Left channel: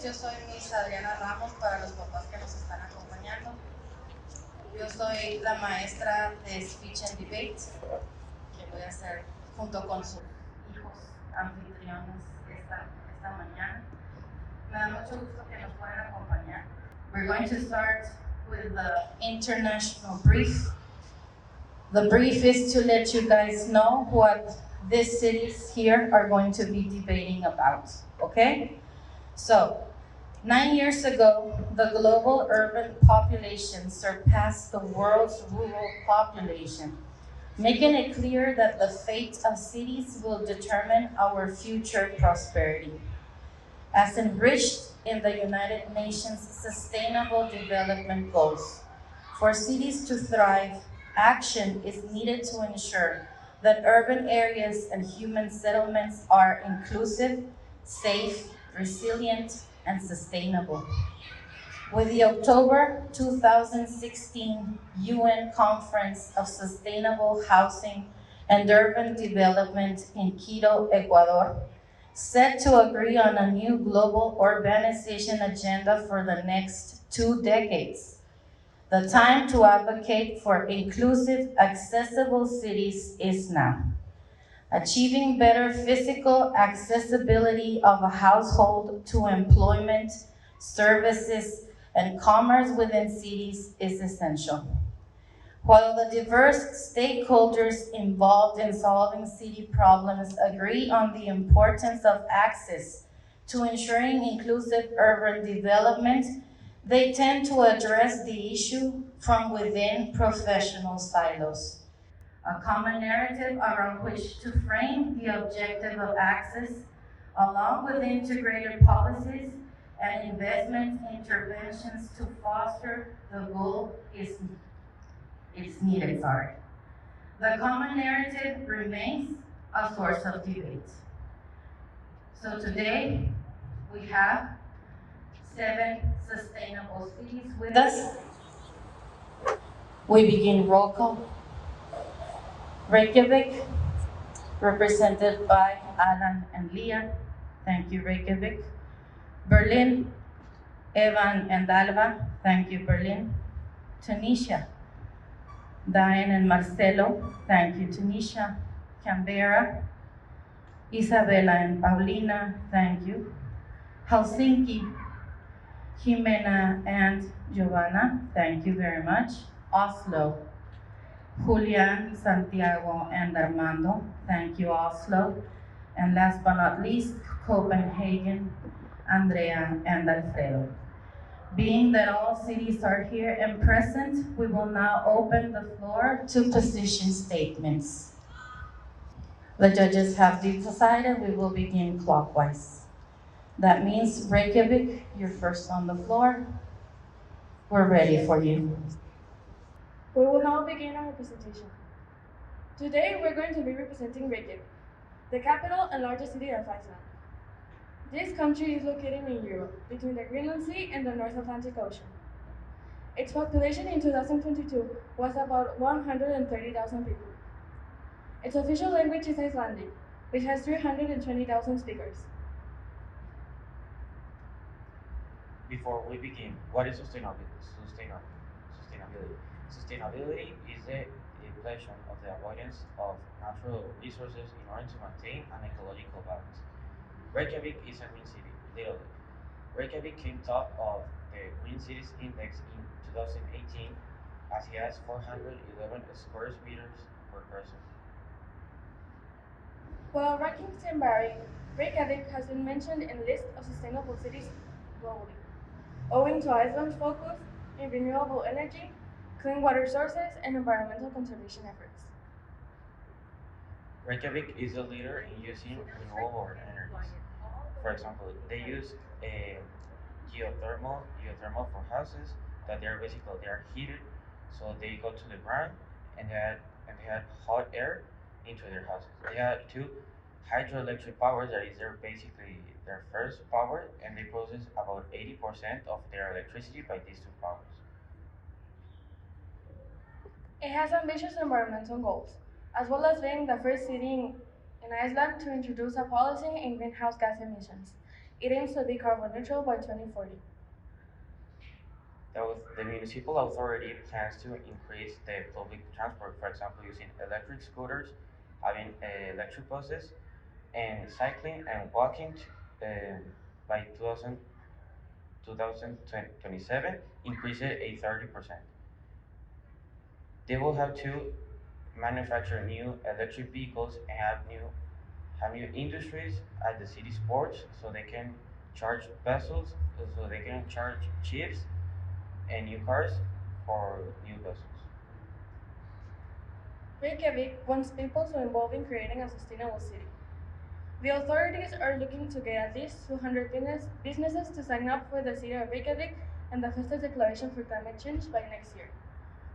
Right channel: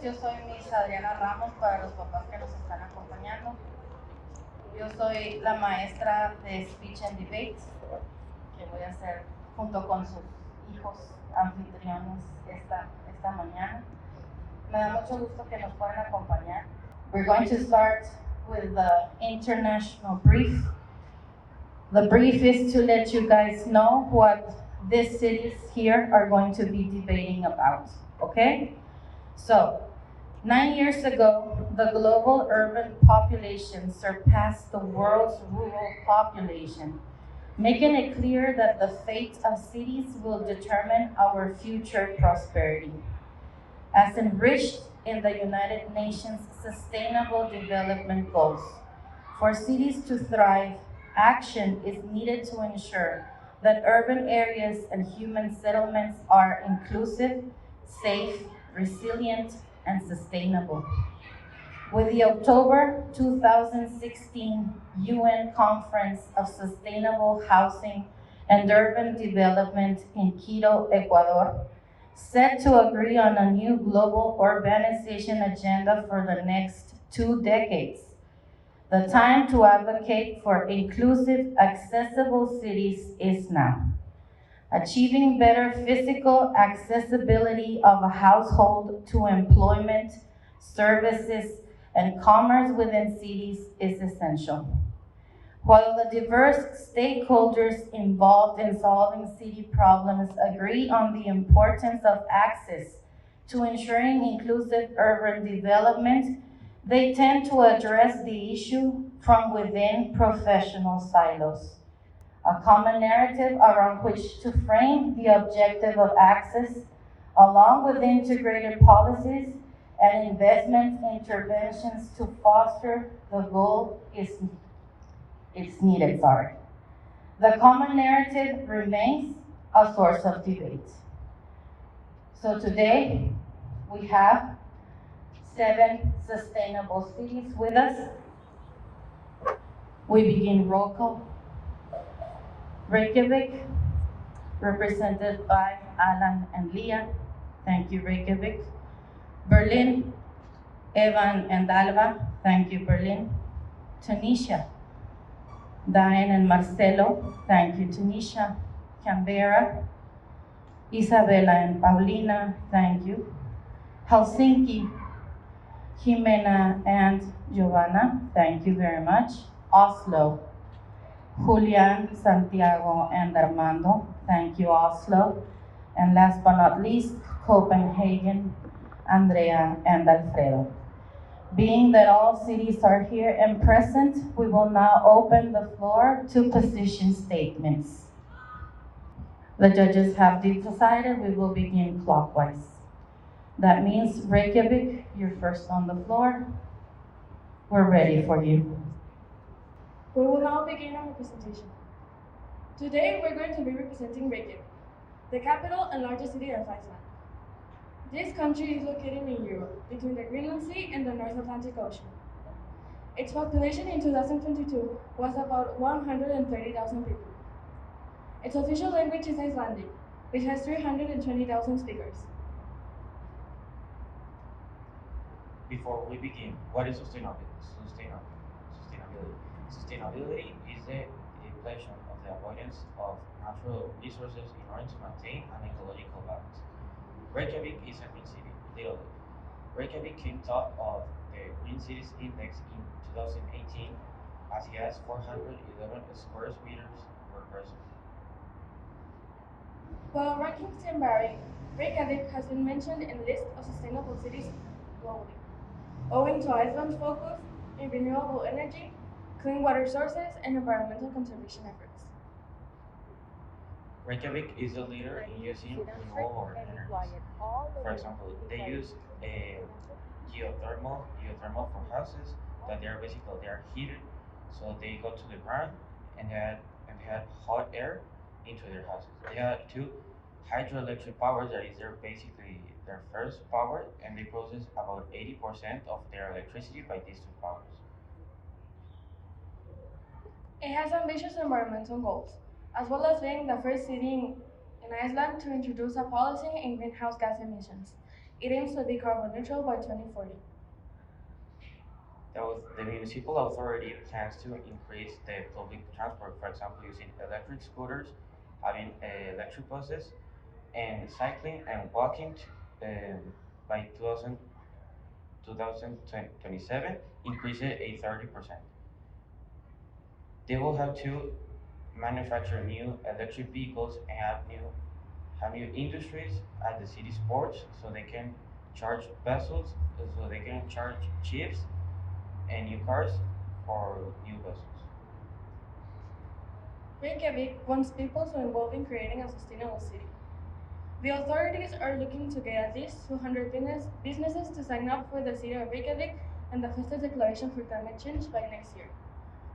noches, yo soy Miss Adriana Ramos para los papás que nos están acompañando. Yo soy la maestra de Speech and Debate, que voy a hacer junto con sus hijos anfitriones esta mañana. Me da mucho gusto que nos puedan acompañar. We're going to start with the international brief. The brief is to let you guys know what these cities here are going to be debating about, okay? So, 9 years ago, the global urban population surpassed the world's rural population, making it clear that the fate of cities will determine our future prosperity. As enriched in the United Nations Sustainable Development Goals, for cities to thrive, action is needed to ensure that urban areas and human settlements are inclusive, safe, resilient, and sustainable. With the October 2016 UN Conference of Sustainable Housing and Urban Development in Quito, Ecuador, set to agree on a new global urbanization agenda for the next 2 decades. The time to advocate for inclusive, accessible cities is now. Achieving better physical accessibility of a household to employment, services, and commerce within cities is essential. While the diverse stakeholders involved in solving city problems agree on the importance of access to ensuring inclusive urban development, they tend to address the issue from within professional silos. A common narrative around which to frame the objective of access, along with integrated policies and investment interventions to foster the goal is needed. The common narrative remains a source of debate. So today, we have 7 sustainable cities with us. We begin roll call. Reykjavik, represented by Alan and Leah. Thank you, Reykjavik. Berlin, Evan and Alba. Thank you, Berlin. Tunisia, Diane and Marcelo. Thank you, Tunisia. Canberra, Isabella and Paulina. Thank you. Helsinki, Jimena and Giovanna. Thank you very much. Oslo, Julian, Santiago, and Armando. Thank you, Oslo. And last but not least, Copenhagen, Andrea and Alfredo. Being that all cities are here and present, we will now open the floor to position statements. The judges have decided we will begin clockwise. That means Reykjavik, you're first on the floor. We're ready for you. We will now begin our presentation. Today, we're going to be representing Reykjavik, the capital and largest city of Iceland. This country is located in Europe, between the Greenland Sea and the North Atlantic Ocean. Its population in 2022 was about 130,000 people. Its official language is Icelandic, which has 320,000 speakers. Before we begin, what is sustainability? Sustainability is the pleasure of the avoidance of natural resources in order to maintain an ecological balance. Reykjavik is a green city, literally. Reykjavik came top of the Green Cities Index in 2018 as it has 411 square meters per person. While rankings can vary, Reykjavik has been mentioned in lists of sustainable cities globally, owing to Iceland's focus in renewable energy, clean water sources, and environmental conservation efforts. Reykjavik is a leader in using renewable energies. For example, they use geothermal for houses that they are heated, so they go to the ground and they had hot air into their houses. They have 2 hydroelectric powers that is their first power, and they process about 80% of their electricity by these 2 powers. It has ambitious environmental goals, as well as being the first city in Iceland to introduce a policy in greenhouse gas emissions, It aims to be carbon neutral by 2040. The municipal authority plans to increase the public transport, for example, using electric scooters, having electric buses, and cycling and walking by 2027, increase it a 30%. They will have to manufacture new electric vehicles and have new industries at the city ports so they can charge vessels, so they can charge ships and new cars for new vessels. Reykjavik wants people to involve in creating a sustainable city. The authorities are looking to get at least 200 businesses to sign up for the City of Reykjavik and the Fifth Declaration for Climate Change by next year.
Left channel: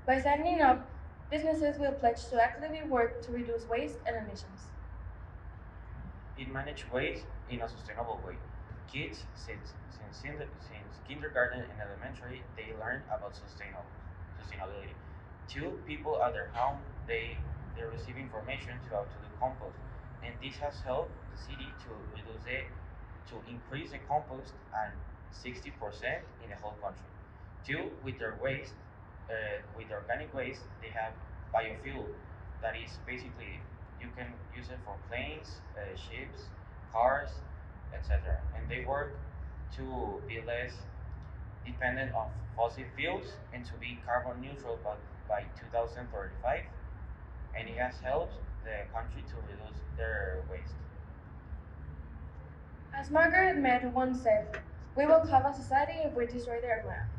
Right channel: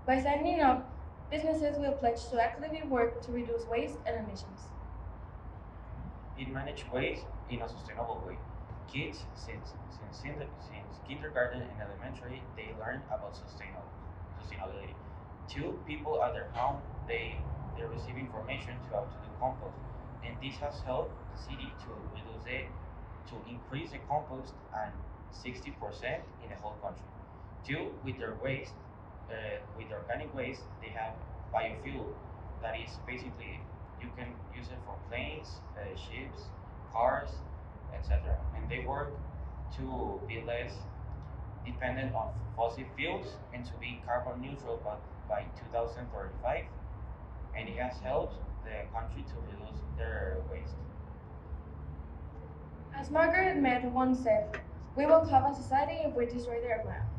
By signing up, businesses will pledge to actively work to reduce waste and emissions. It manages waste in a sustainable way. Kids, since kindergarten and elementary, they learn about sustainability. Two people at their home, they receive information to how to do compost, and this has helped the city to increase the compost and 60% in the whole country. Two, with their waste, with organic waste, they have biofuel. That is basically you can use it for planes, ships, cars, etc. And they work to be less dependent on fossil fuels and to be carbon neutral by 2035. And it has helped the country to reduce their waste. As Margaret Mead once said, we will have a society if we destroy the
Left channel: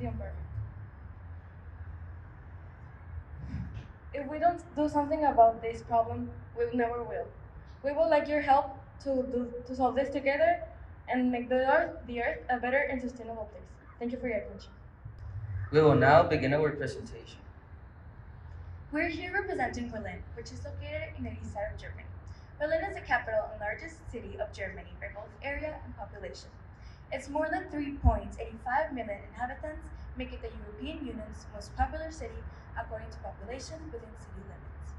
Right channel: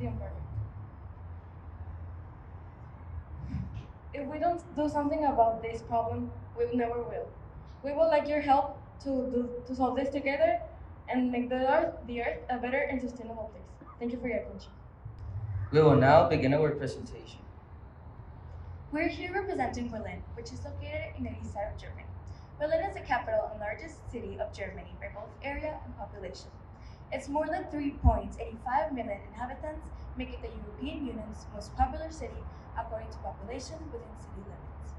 environment. If we don't do something about this problem, we never will. We would like your help to solve this together and make the earth a better and sustainable place. Thank you for your attention. We will now begin our presentation. We're here representing Berlin, which is located in the east side of Germany. Berlin is the capital and largest city of Germany by both area and population. It's more than 3.85 million inhabitants, making it the European Union's most popular city according to population within city limits.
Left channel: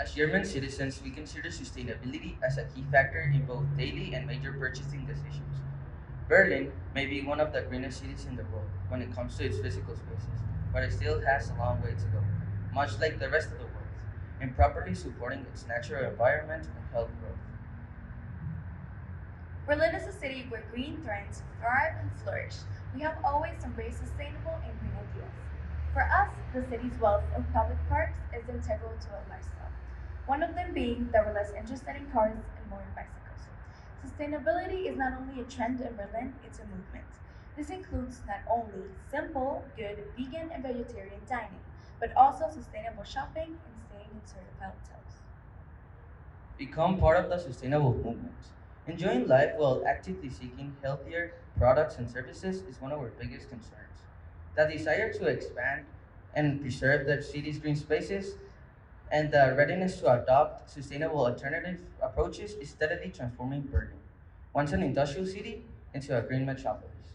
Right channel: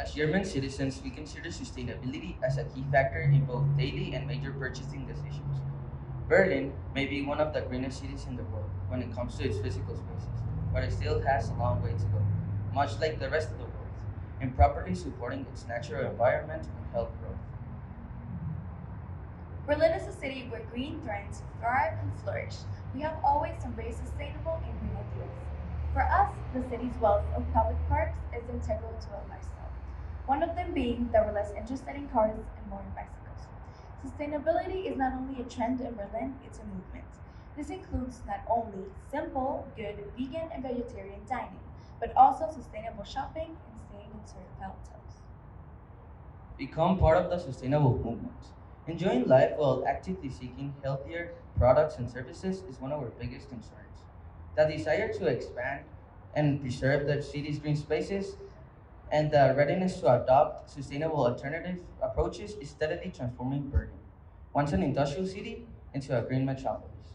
As German citizens, we consider sustainability as a key factor in both daily and major purchasing decisions. Berlin may be one of the greenest cities in the world when it comes to its physical spaces, but it still has a long way to go, much like the rest of the world, in properly supporting its natural environment and health growth. Berlin is a city where green trends thrive and flourish. We have always embraced sustainable and green ideals. For us, the city's wealth of public parks is integral to our lifestyle. One of them being that we're less interested in cars and more in bicycles. Sustainability is not only a trend in Berlin, it's a movement. This includes not only simple, good vegan and vegetarian dining, but also sustainable shopping and staying in certified hotels. Become part of the sustainable movement. Enjoying life while actively seeking healthier products and services is one of our biggest concerns. The desire to expand and preserve the city's green spaces and the readiness to adopt sustainable alternative approaches is steadily transforming Berlin, once an industrial city, into a green metropolis.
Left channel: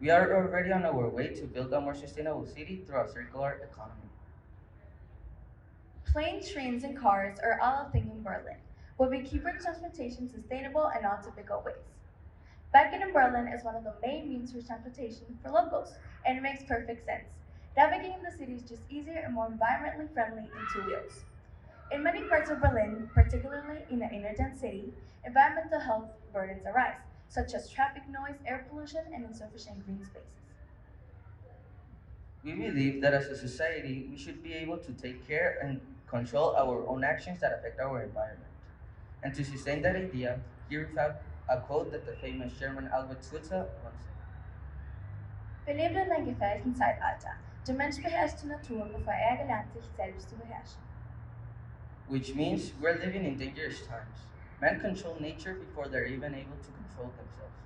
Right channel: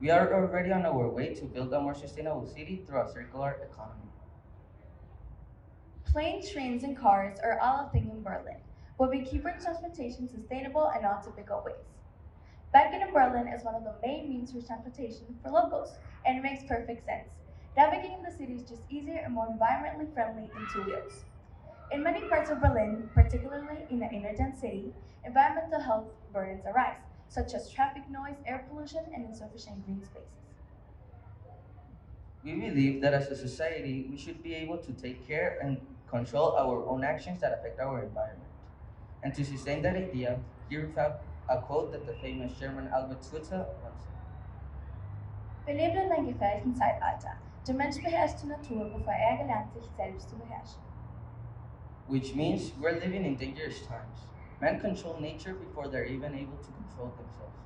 We are already on our way to build a more sustainable city through a circular economy. Planes, trains, and cars are all a thing in Berlin, but we keep our transportation sustainable and not typical ways. Biking in Berlin is one of the main means of transportation for locals, and it makes perfect sense. Navigating the city is just easier and more environmentally friendly than two wheels. In many parts of Berlin, particularly in the inner dense city, environmental health burdens arise, such as traffic noise, air pollution, and insufficient green spaces. We believe that as a society, we should be able to take care and control our own actions that affect our environment. And to sustain that idea, here we have a quote that the famous German Albert Schweitzer once said. Wir leben in einem gefährlichen Zeitalter. Der Mensch beherrscht die Natur, bevor er gelernt, sich selbst zu beherrschen. Which means we're living in dangerous times. Men control nature before they're even able to control themselves,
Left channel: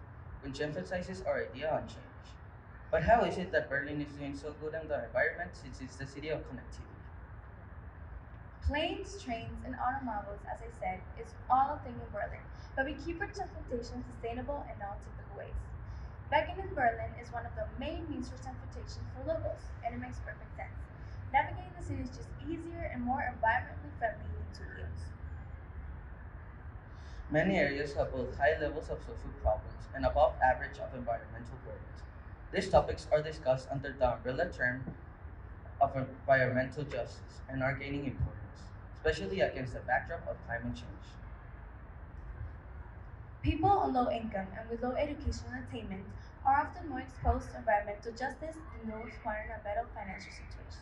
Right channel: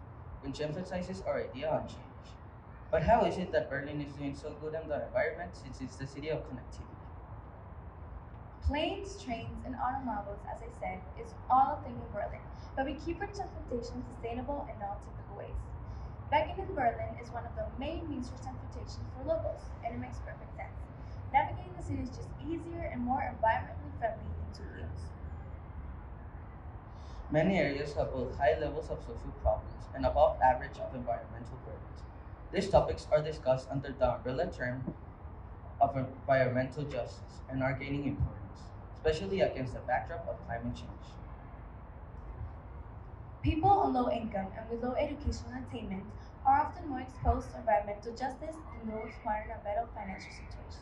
which emphasizes our idea on change. But how is it that Berlin is doing so good on the environment since it's the city of connectivity? Planes, trains, and automobiles, as I said, is all a thing in Berlin, but we keep our transportation sustainable and non-typical ways. Biking in Berlin is one of the main means for transportation for locals, and it makes perfect sense. Navigating the city is just easier and more environmentally friendly than two wheels. Many areas have both high levels of social problems and above average of environmental burdens. These topics are discussed under the umbrella term of environmental justice and are gaining importance, especially against the backdrop of climate change. People on low income and with low educational attainment are often more exposed to environmental justice than those who are in a better financial situation.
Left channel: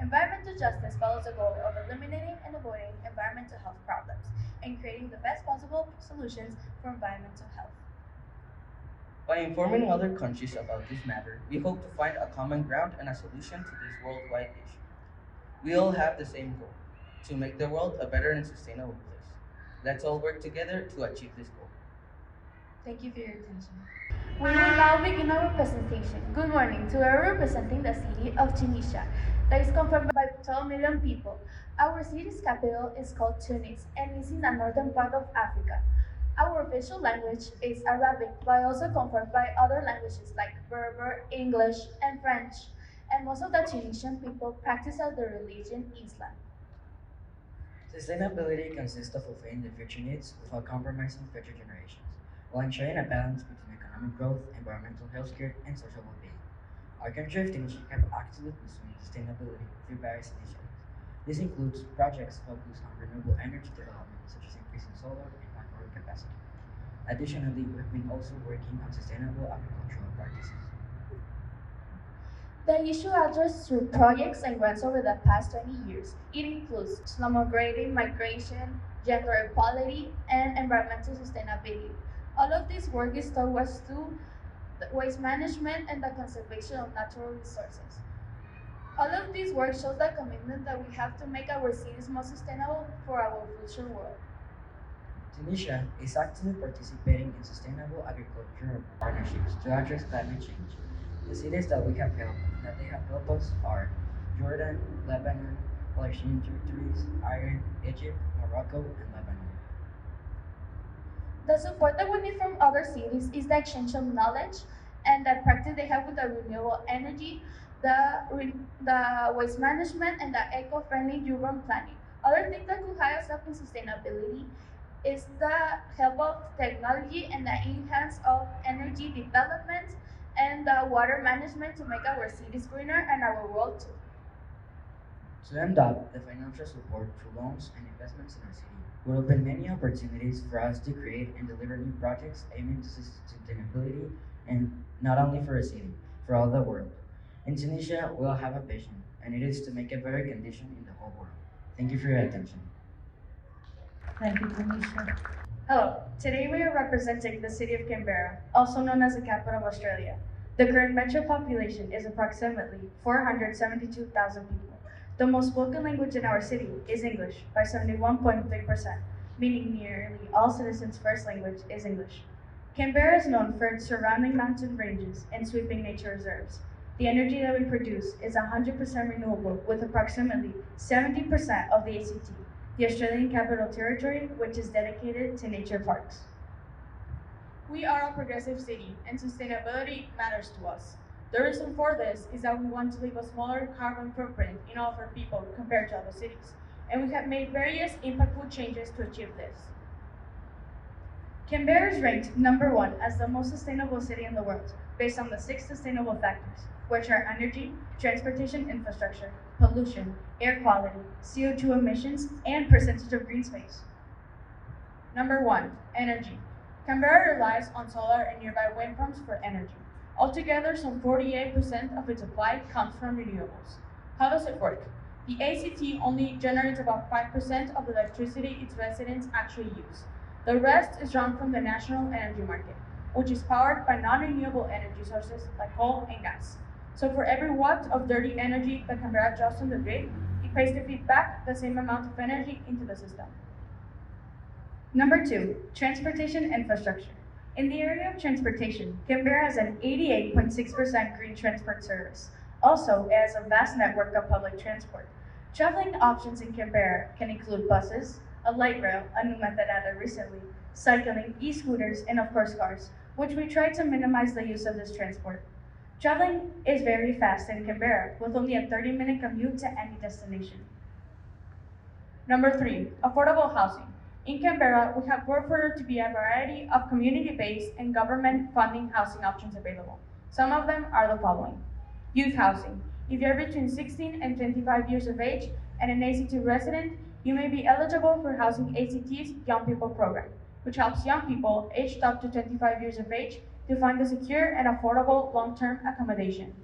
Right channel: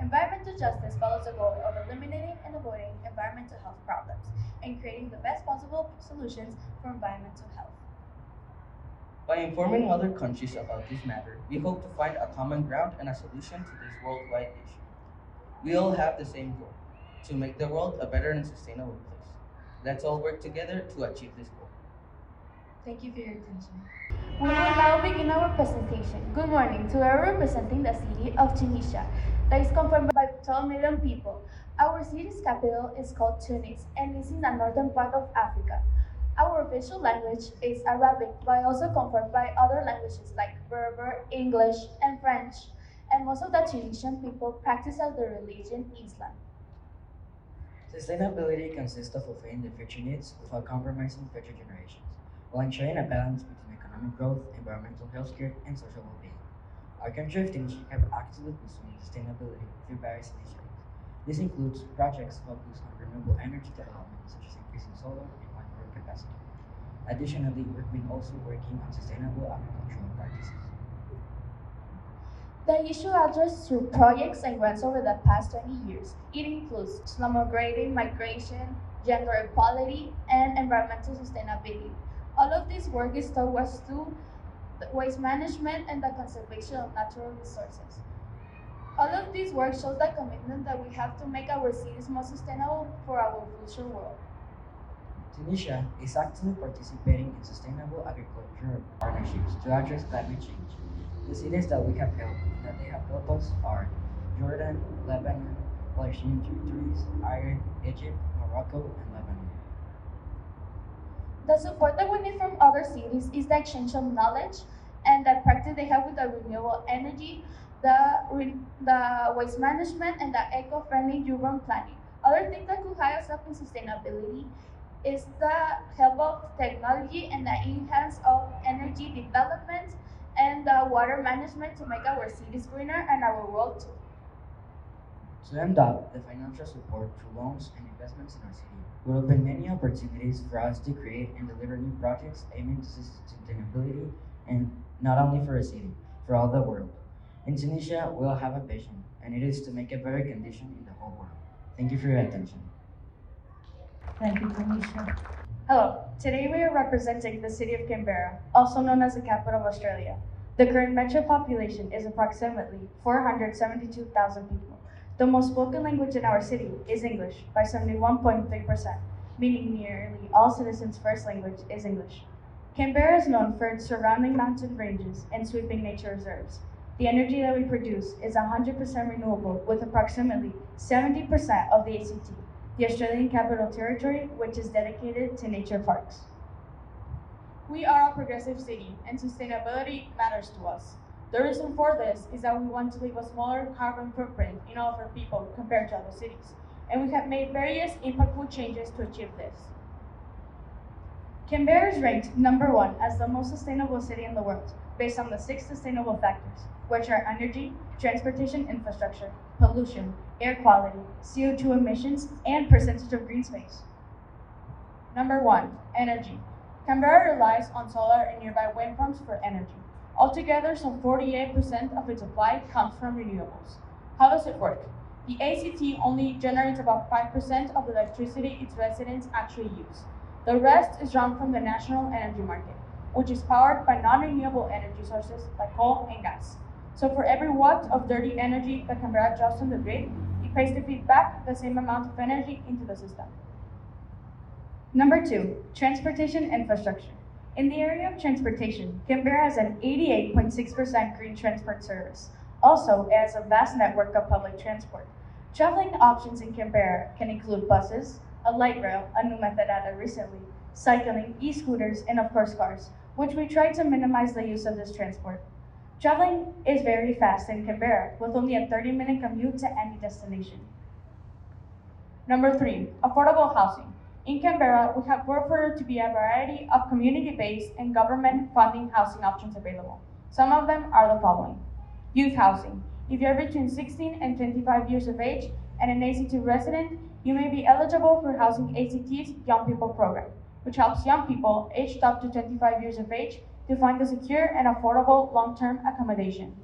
Environmental justice follows the goal of eliminating and avoiding environmental health problems and creating the best possible solutions for environmental health. By informing other countries about this matter, we hope to find a common ground and a solution to this worldwide issue. We all have the same goal to make the world a better and sustainable place. Let's all work together to achieve this goal. Thank you for your attention. We will now begin our presentation. Good morning. Today we're representing the city of Tunisia, that is confirmed by 12 million people. Our city's capital is called Tunis and is in the northern part of Africa. Our official language is Arabic, but also confirmed by other languages like Berber, English, and French. And most of the Tunisian people practice the religion Islam. Sustainability consists of fulfilling the future needs without compromising future generations, while ensuring a balance between economic growth, environmental healthcare, and social well-being. Our country of Tunisia have actively pursued sustainability through various initiatives. This includes projects focused on renewable energy development, such as increasing solar and wind power capacity. Additionally, we've been also working on sustainable agricultural practices. The issue addressed through projects and grants over the past 20 years. It includes slum grading, migration, gender equality, and environmental sustainability. All of this work is towards to the waste management and the conservation of natural resources. All of this work shows the commitment that we have to make our cities more sustainable for our future world. Tunisia is actively participating in sustainable agricultural partnerships to address climate change. The cities that we have helped and that they have helped us are Jordan, Lebanon, Palestinian territories, Iran, Egypt, Morocco, and Lebanon. The support that we need from other cities is the exchange of knowledge and the practice they have with the renewable energy, the waste management, and the eco-friendly urban planning. Other things that could help us up in sustainability is the help of technology and the enhance of energy development and the water management to make our cities greener and our world too. To end up, the financial support through loans and investments in our city will open many opportunities for us to create and deliver new projects aiming to sustainability and not only for a city, for all the world. In Tunisia, we all have a vision, and it is to make a better condition in the whole world. Thank you for your attention. Thank you, Tanisha. Hello, today we are representing the city of Canberra, also known as the capital of Australia. The current metro population is approximately 472,000 people. The most spoken language in our city is English by 71.3%, meaning nearly all citizens' first language is English. Canberra is known for its surrounding mountain ranges and sweeping nature reserves. The energy that we produce is 100% renewable, with approximately 70% of the ACT, the Australian Capital Territory, which is dedicated to nature parks. We are a progressive city, and sustainability matters to us. The reason for this is that we want to leave a smaller carbon footprint in all of our people compared to other cities, and we have made various impactful changes to achieve this. Canberra is ranked number one as the most sustainable city in the world, based on the 6 sustainable factors, which are energy, transportation infrastructure, pollution, air quality, CO2 emissions, and percentage of green space. Number 1, energy. Canberra relies on solar and nearby wind farms for energy. Altogether, some 48% of its supply comes from renewables. How does it work? The ACT only generates about 5% of the electricity its residents actually use. The rest is drawn from the national energy market, which is powered by non-renewable energy sources like coal and gas. So for every watt of dirty energy that Canberra draws from the grid, it pays to feed back the same amount of energy into the system. Number 2, transportation infrastructure. In the area of transportation, Canberra has an 88.6% green transport service. Also, it has a vast network of public transport. Traveling options in Canberra can include buses, a light rail, a new method added recently, cycling, e-scooters, and of course cars, which we try to minimize the use of this transport. Traveling is very fast in Canberra, with only a 30-minute commute to any destination. Number 3, affordable housing. In Canberra, we have worked for there to be a variety of community-based and government funding housing options available. Some of them are the following. Youth housing. If you're between 16 and 25 years of age and an ACT resident, you may be eligible for Housing ACT's Young People program, which helps young people aged up to 25 years of age to find a secure and affordable long-term accommodation.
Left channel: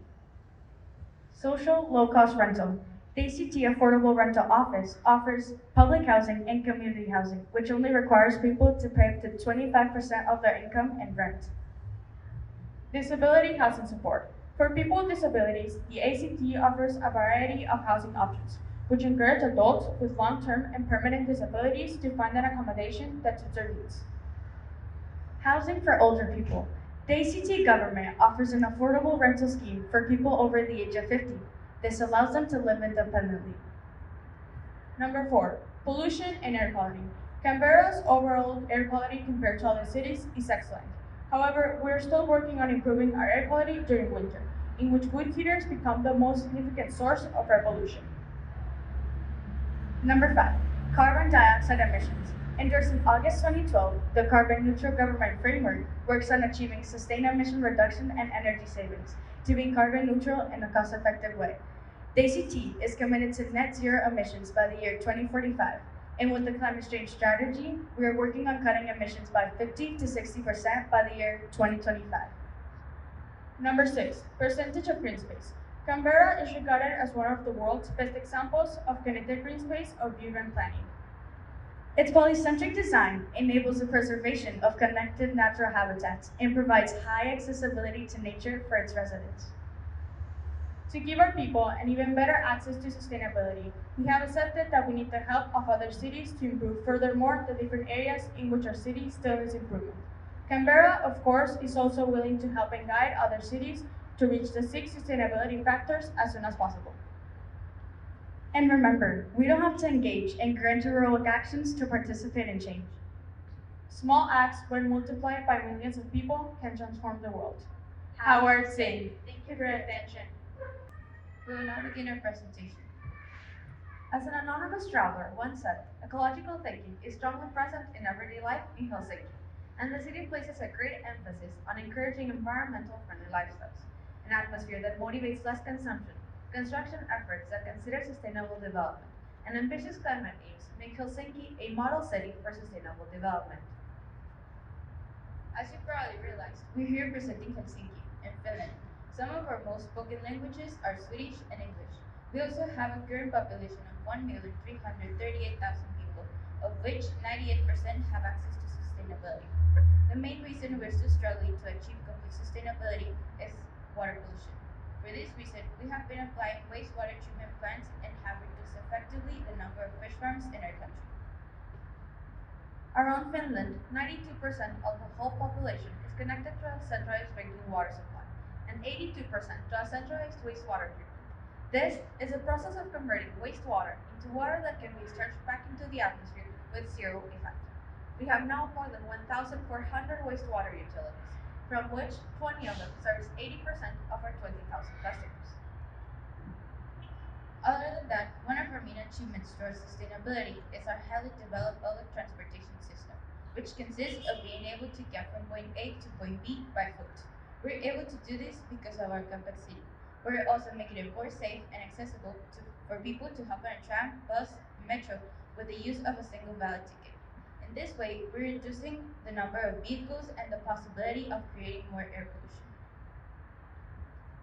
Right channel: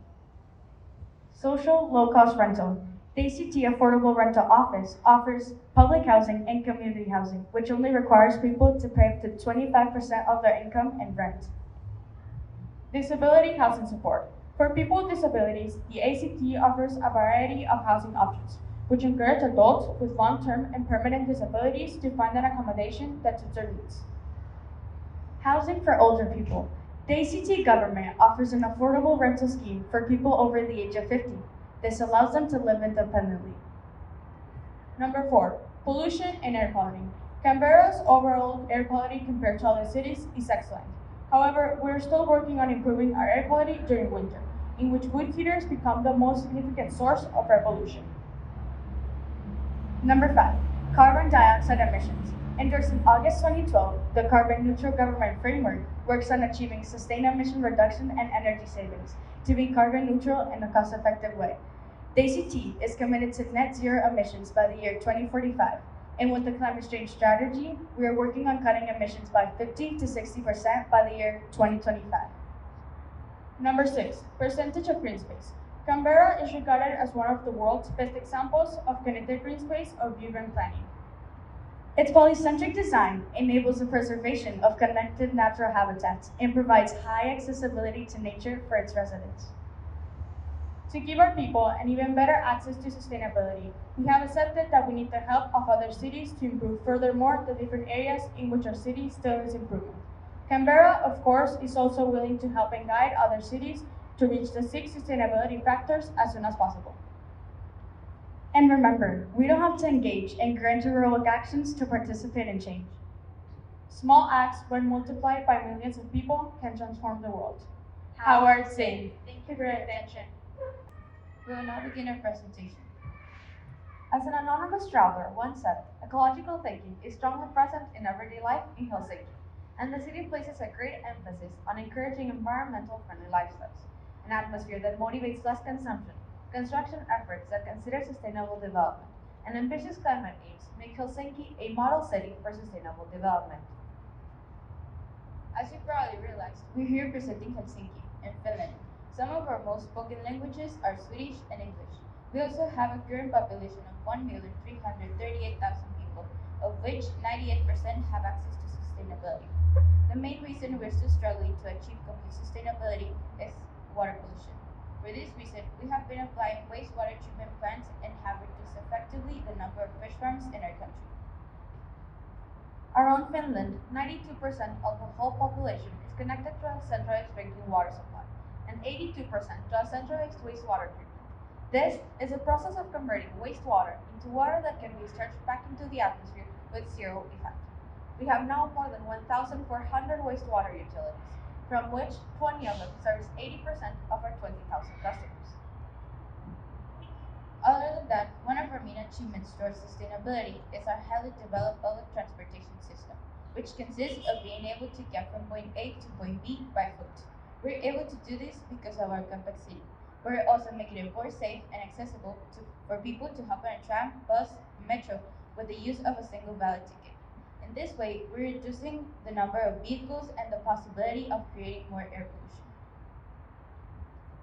Social low-cost rental. The ACT Affordable Rental Office offers public housing and community housing, which only requires people to pay up to 25% of their income in rent. Disability housing support. For people with disabilities, the ACT offers a variety of housing options, which encourage adults with long-term and permanent disabilities to find an accommodation that suits their needs. Housing for older people. The ACT government offers an affordable rental scheme for people over the age of 50. This allows them to live independently. Number 4, pollution and air quality. Canberra's overall air quality compared to other cities is excellent. However, we're still working on improving our air quality during winter, in which wood heaters become the most significant source of air pollution. Number 5, carbon dioxide emissions. Endorsed in August 2012, the Carbon Neutral Government Framework works on achieving sustained emission reduction and energy savings to be carbon neutral in a cost-effective way. The ACT is committed to net zero emissions by the year 2045, and with the climate change strategy, we are working on cutting emissions by 50 to 60% by the year 2025. Number 6, percentage of green space. Canberra is regarded as one of the world's best examples of connected green space or urban planning. Its polycentric design enables the preservation of connected natural habitats and provides high accessibility to nature for its residents. To give our people an even better access to sustainability, we have accepted that we need the help of other cities to improve furthermore the different areas in which our city still needs improvement. Canberra, of course, is also willing to help and guide other cities to reach the 6 sustainability factors as soon as possible. And remember, we don't have to engage in grand heroic actions to participate in change. Small acts, when multiplied by millions of people, can transform the world. Howard Zinn. Thank you for your attention. We will now begin our presentation. As an anonymous traveler once said, ecological thinking is strongly present in everyday life in Helsinki, and the city places a great emphasis on encouraging environmental friendly lifestyles, an atmosphere that motivates less consumption, construction efforts that consider sustainable development, and ambitious climate aims make Helsinki a model city for sustainable development. As you probably realized, we're here presenting Helsinki in Finland. Some of our most spoken languages are Swedish and English. We also have a current population of 1,338,000 people, of which 98% have access to sustainability. The main reason we're still struggling to achieve complete sustainability is water pollution. For this reason, we have been applying wastewater treatment plants and have reduced effectively the number of fish farms in our country. Around Finland, 92% of the whole population is connected to a centralized drinking water supply, and 82% to a centralized wastewater treatment. This is a process of converting wastewater into water that can be discharged back into the atmosphere with zero effect. We have now more than 1,400 wastewater utilities, from which 20 of them service 80% of our 20,000 customers. Other than that, one of our main achievements towards sustainability is our highly developed public transportation system, which consists of being able to get from point A to point B by foot. We're able to do this because of our compact city. We're also making it more safe and accessible for people to hop on a tram, bus, metro with the use of a single valid ticket. In this way, we're reducing the number of vehicles and the possibility of creating more air pollution.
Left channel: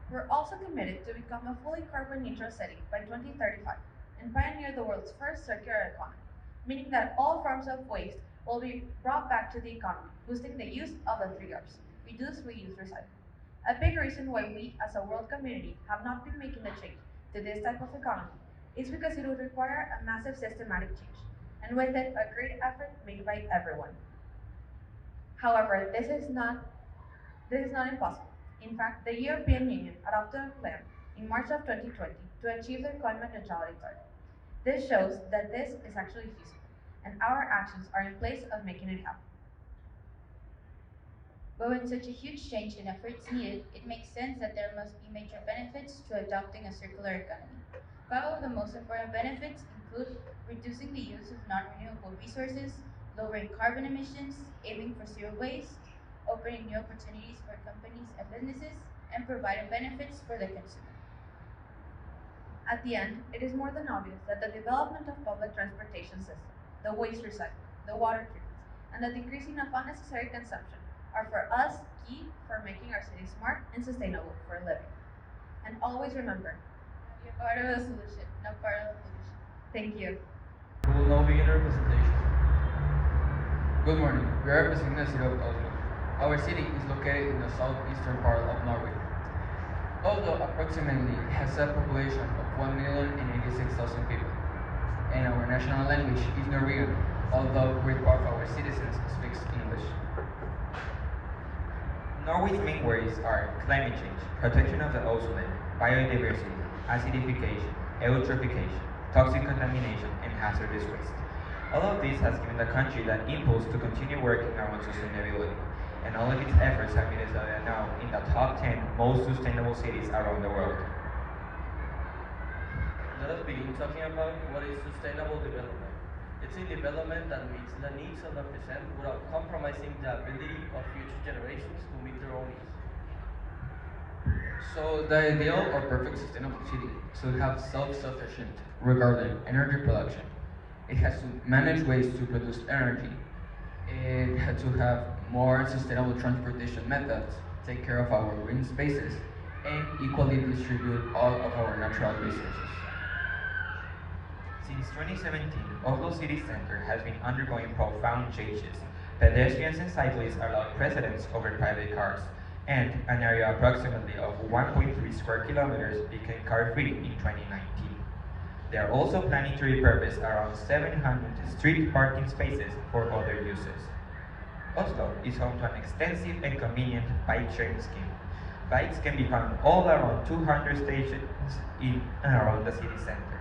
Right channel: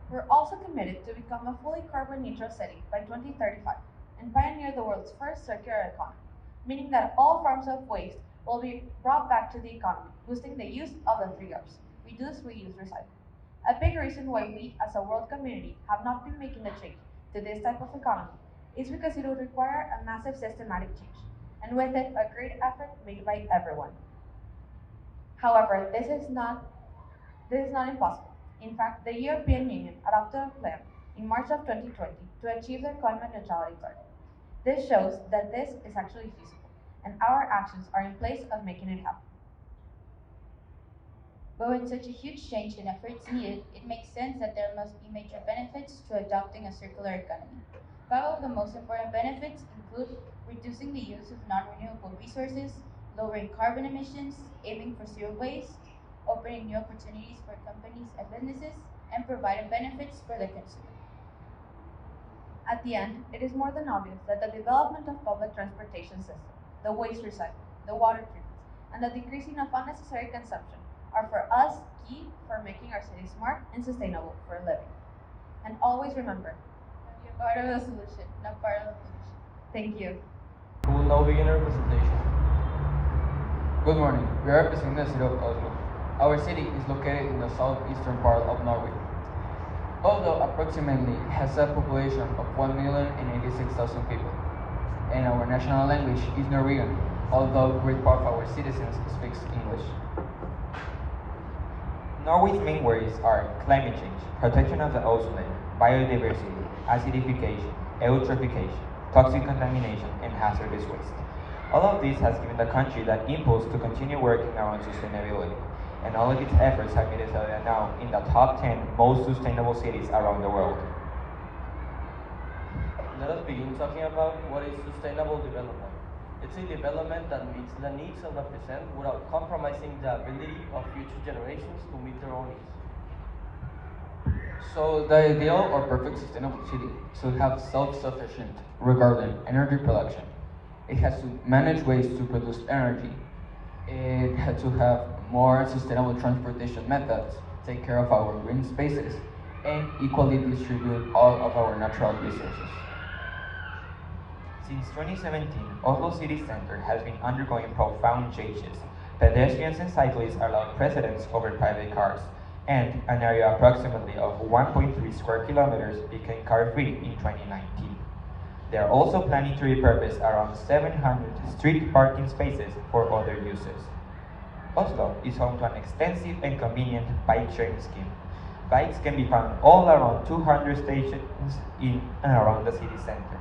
We're also committed to become a fully carbon neutral city by 2035 and pioneer the world's first circular economy, meaning that all forms of waste will be brought back to the economy, boosting the use of the 3 Rs: reduce, reuse, recycle. A big reason why we as a world community have not been making the change to this type of economy is because it would require a massive systematic change, and with it a great effort made by everyone. However, this is not impossible. In fact, the European Union adopted a plan in March of 2020 to achieve their climate neutrality target. This shows that this is actually feasible, and our actions are in place of making it happen. But with such a huge change in efforts needed, it makes sense that there must be major benefits to adopting a circular economy. 5 of the most important benefits include reducing the use of non-renewable resources, lowering carbon emissions, aiming for zero waste, opening new opportunities for companies and businesses, and providing benefits for the consumer. At the end, it is more than obvious that the development of public transportation systems, the waste recycling, the water treatment, and the decreasing of unnecessary consumption are for us key for making our city smart and sustainable for living. And always remember, be a part of the solution, not part of the pollution. Thank you. We will now begin our presentation. Good morning. We are representing the city of Oslo. Our city is located in the southeastern part of Norway. Although approximately has a population of 1,086,000 people, and our national language is Norwegian, although great part of our citizens speaks English. Norway's main worries are climate change, protection of the ozone, biodiversity, acidification, eutrophication, toxic contamination, and hazardous waste. All of this has given the country that impulse to continue working around sustainability, and all of its efforts have made it so they are now in the top 10 most sustainable cities around the world. Let us begin talking about what is sustainable development. It's a development that meets the needs of the present without compromising the ability of future generations to meet their own needs. So the ideal or perfect sustainable city should have self-sufficient regarding energy production. It has to manage ways to produce energy. It had to have more sustainable transportation methods, take care of our green spaces, and equally distribute all of our natural resources. Since 2017, Oslo City Center has been undergoing profound changes. Pedestrians and cyclists are allowed precedence over private cars, and an area approximately of 1.3 square kilometers became car-free in 2019. They are also planning to repurpose around 700 street parking spaces for other uses. Oslo is home to an extensive and convenient bike sharing scheme. Bikes can be found all around 200 stations in and around the city center.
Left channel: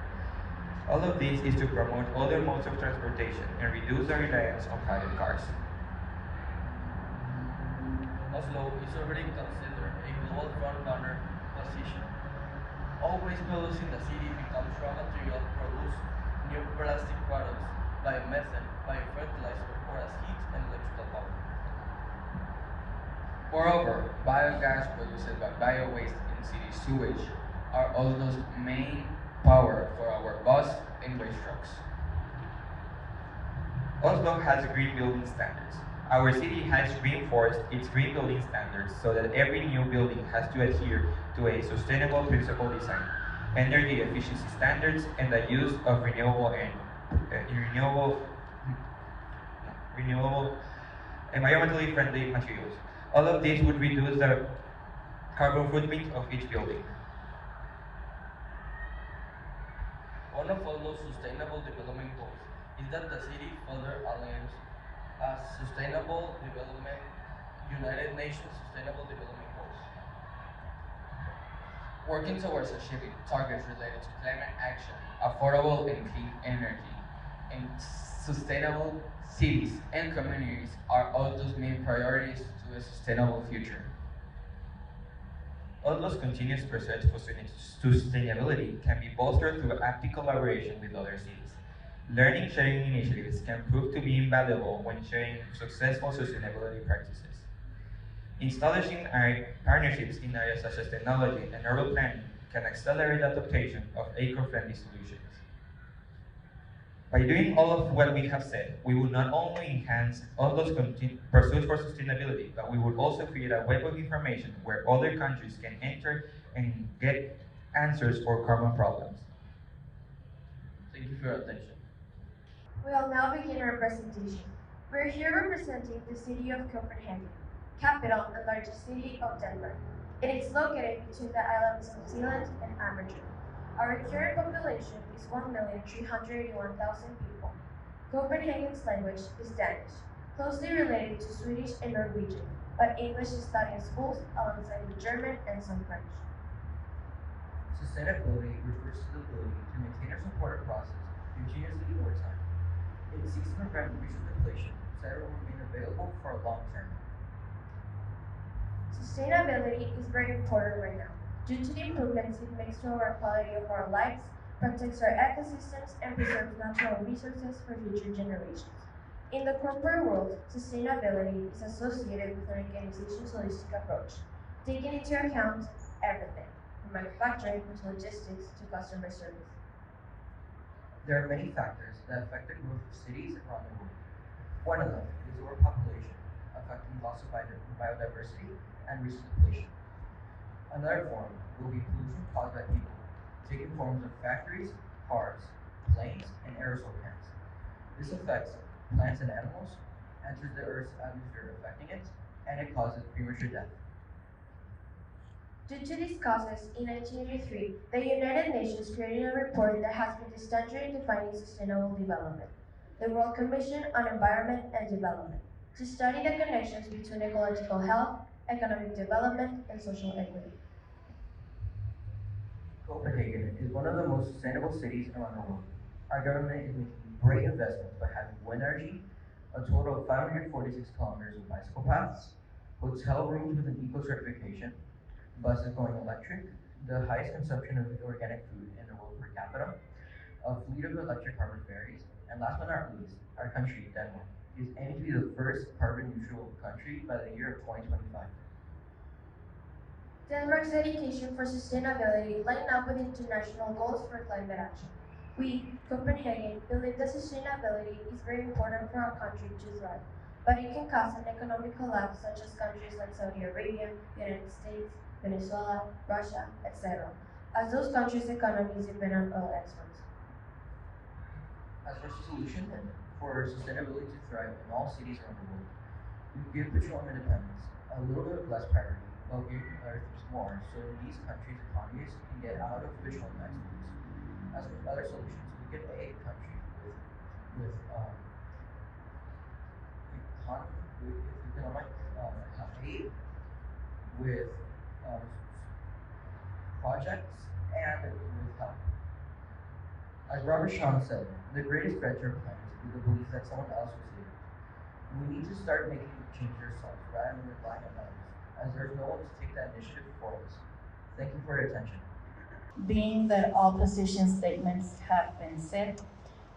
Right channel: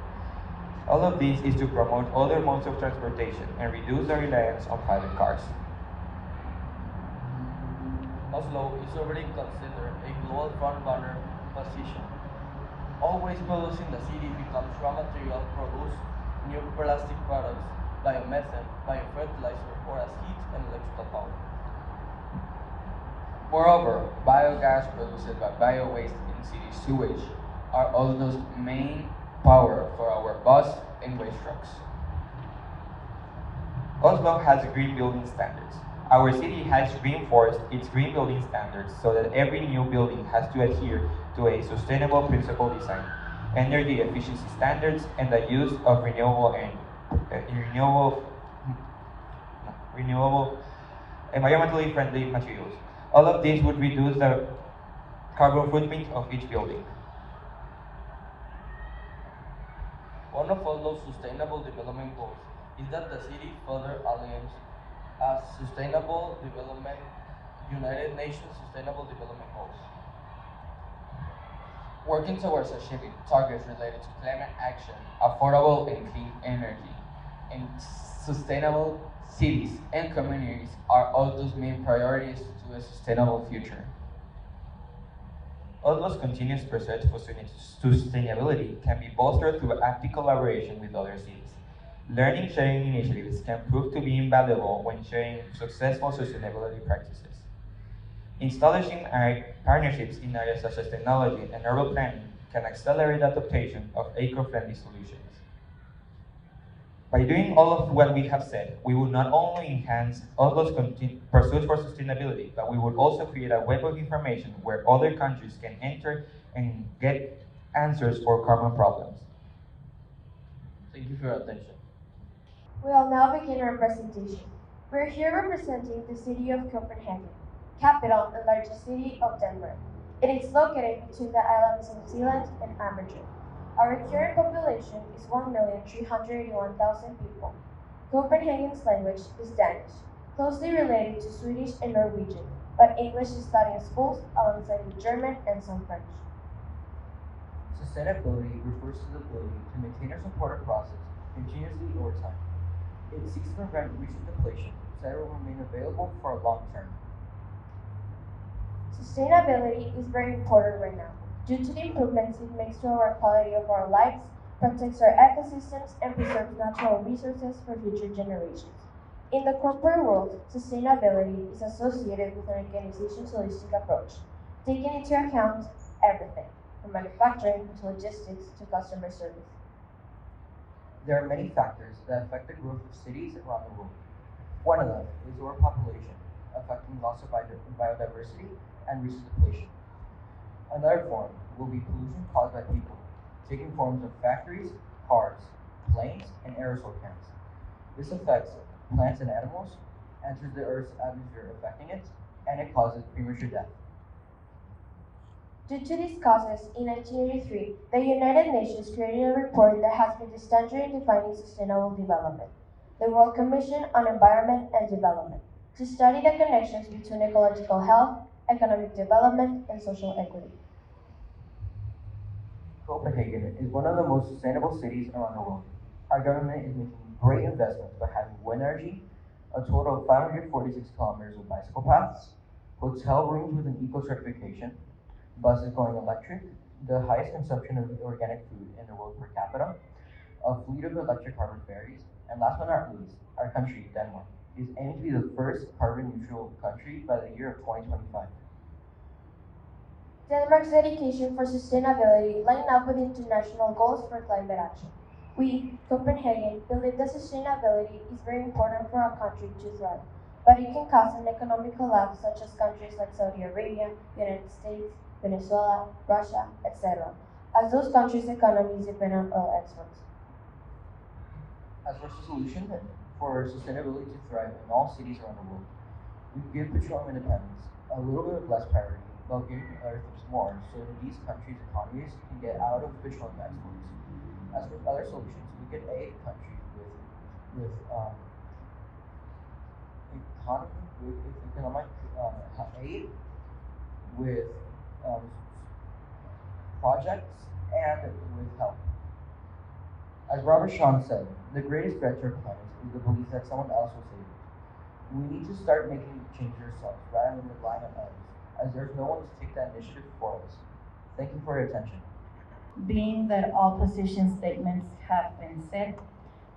All of this is to promote other modes of transportation and reduce the reliance on private cars. Oslo is already considered a global front-runner position. Always producing the city becomes raw material to produce new plastic products, biomethane, biofertilizer, or as heat and electrical power. Moreover, biogas produced by bio-waste in city sewage are Oslo's main power for our bus and waste trucks. Oslo has green building standards. Our city has reinforced its green building standards so that every new building has to adhere to a sustainable principle design, energy efficiency standards, and the use of renewable environmentally friendly materials. All of this would reduce the carbon footprint of each building. One of Oslo's sustainable development goals is that the city further aligns as Sustainable Development, United Nations Sustainable Development Goals. Working towards achieving targets related to climate action, affordable and clean energy, and sustainable cities and communities are Oslo's main priorities to a sustainable future. Oslo's continuous pursuit for sustainability can be bolstered through active collaboration with other cities. Learning sharing initiatives can prove to be invaluable when sharing successful sustainability practices. Establishing partnerships in areas such as technology and urban planning can accelerate the adoption of eco-friendly solutions. By doing all of what we have said, we will not only enhance Oslo's pursuit for sustainability, but we would also create a web of information where other countries can enter and get answers for common problems. Thank you for your attention. We'll now begin our presentation. We're here representing the city of Copenhagen, capital and largest city of Denmark. It is located between the islands of Zealand and Amager. Our current population is 1,381,000 people. Copenhagen's language is Danish, closely related to Swedish and Norwegian, but English is taught in schools alongside with German and some French. Sustainability refers to the ability to maintain or support a process continuously over time. It seeks to prevent recent depletion so that it will remain available for a long term. Sustainability is very important right now due to the improvements it makes to our quality of our lives, protects our ecosystems, and preserves natural resources for future generations. In the corporate world, sustainability is associated with an organization's holistic approach, taking into account everything, from manufacturing to logistics to customer service. There are many factors that affect the growth of cities around the world. One of them is overpopulation, affecting loss of biodiversity and resource depletion. Another form will be pollution caused by people, taking forms of factories, cars, planes, and aerosol cans. This affects plants and animals, enters the Earth's atmosphere affecting it, and it causes premature death. Due to these causes, in 1983, the United Nations created a report that has been the standard in defining sustainable development, the World Commission on Environment and Development, to study the connections between ecological health, economic development, and social equity. Copenhagen is one of the most sustainable cities around the world. Our government is making great investments by having wind energy, a total of 546 kilometers of bicycle paths, hotel rooms with an eco certification, buses going electric, the highest consumption of organic food in the world per capita, a fleet of electric harbor ferries, and last but not least, our country, Denmark, is aiming to be the first carbon neutral country by the year of 2025. Denmark's dedication for sustainability line up with international goals for climate action. We, Copenhagen, believe that sustainability is very important for our country to thrive, but it can cause an economic collapse such as countries like Saudi Arabia, United States, Venezuela, Russia, etc., as those countries' economies depend on oil exports. As for solution for sustainability to thrive in all cities around the world, we give petroleum independence a little bit of less priority while giving others more so that these countries' economies can get out of petroleum exports. As for other solutions, we could aid countries with economic aid, with um, projects, and with help. As Robert Shawn said, the greatest threat to our planet is the belief that someone else will save it. We need to start making change ourselves rather than relying on others, as there's no one to take that initiative for us. Thank you for your attention. Being that all position statements have been said,